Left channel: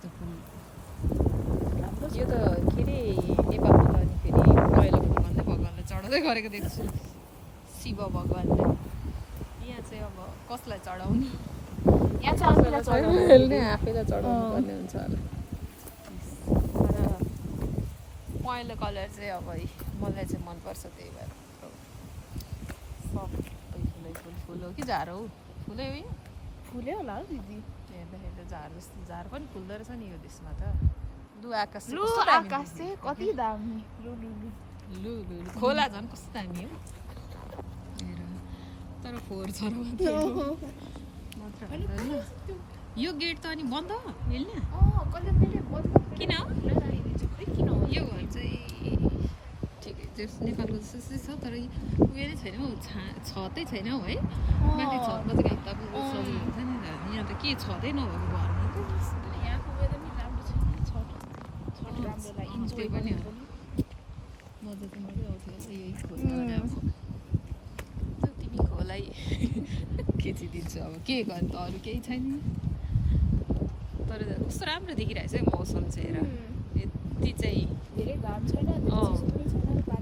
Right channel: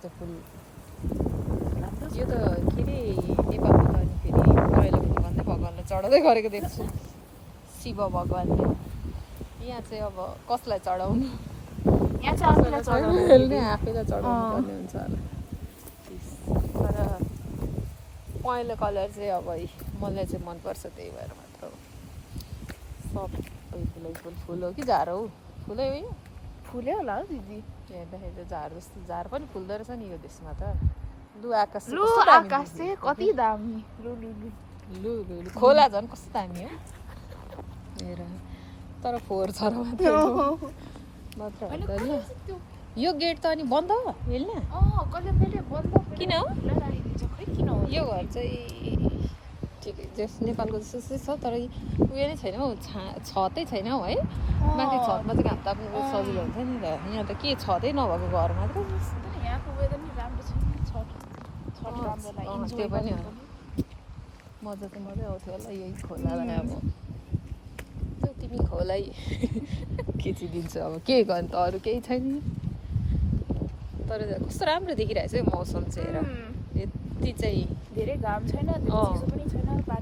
यस्तो फुल यो त के अरे नेपालको त अनि फेरि पहिलाको भन्दै भगवान्लाई चढाउँदै गरेको देख्छु शिव भगवान्ले यहाँ चाहिँ अब कसलाई चढाउने आफैलाई चढाउनु पर्ने हुन्छ पहेँलो कलर चाहिँ अब मलाई चाहिँ मनपर्छ त्यही भएर फुल हो कि झार हौ फुलै हो फुल्यो होला हौ दिदी हेर्दाखेरि त झार जस्तो झार पनि फुल्दो रहेछ नि यो देशमा त लु आकाश चाहिँ कति दामी लु खोला झन् कस्तो दामी हो हेर तर फोहोर छ मात्र यो गेट त अनि बन्द हेल्ने किन हो यो घर चाहिँ ठिकै जस नेपालको जस्तै छ तर उयो नै छैन हौ छतै छैन हौ है माथि छतमा चाहिँ घाम ताप्नु सजिलो हुन्छ नि त यहाँ त के छतै नभएको घरमा त यहाँको वेदर नि राम्रो छ त्यो पनि हो मजा त मजै आउँथ्यो होला यही खोला भने अब तिमी खोलै खिचिदिन्छु अब के गर्नु त अरू केही छैन तर कस्तो राम्रो देखिरहेको छ है मौसम चाहिँ हेर यति चाहिँ धेरै घाम छैन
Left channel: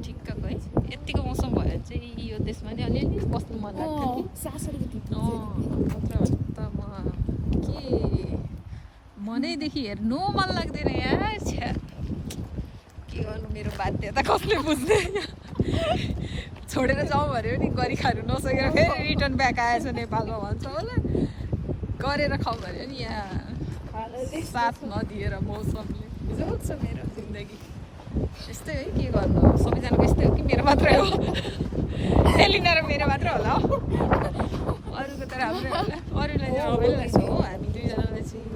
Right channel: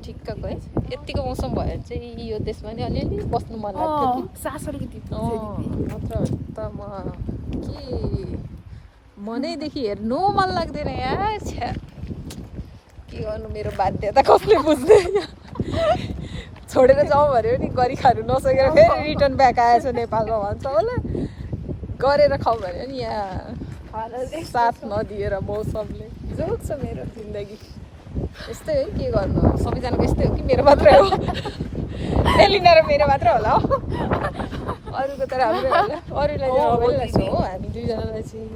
ठिक्कको है यतिको मौसम भयो भने चाहिँ यो देशमा नि अलिअलि बस्नु मन लाग्थ्यो कि सास अलिकति मात्र त म के मनैदेखि हेर्नु मन लाग्दैन यार छ्या के गर्नु मेरो बाध्यता कसले बुझ्दैन छोडेर जाउँ भन्यो नि गरी खानु नसकेर फेरि रिटर्न ब्याक आएछ नेपालमा भन्छ होला गरेर खाउँ भन्यो नि यहाँ साथ नदिएर मौसमले बिजाउँछ मेरो जिन्दगी यस्तै है के गर्नु सबैजनाको यस्तै हो कि मेरो मात्रै हो एलिना र मेरो मात्रै होला हौ अरूको त राम्रै होला अरूलाई चाहिँ रमाइलो लाग्छ हो हामी दुईजनालाई चाहिँ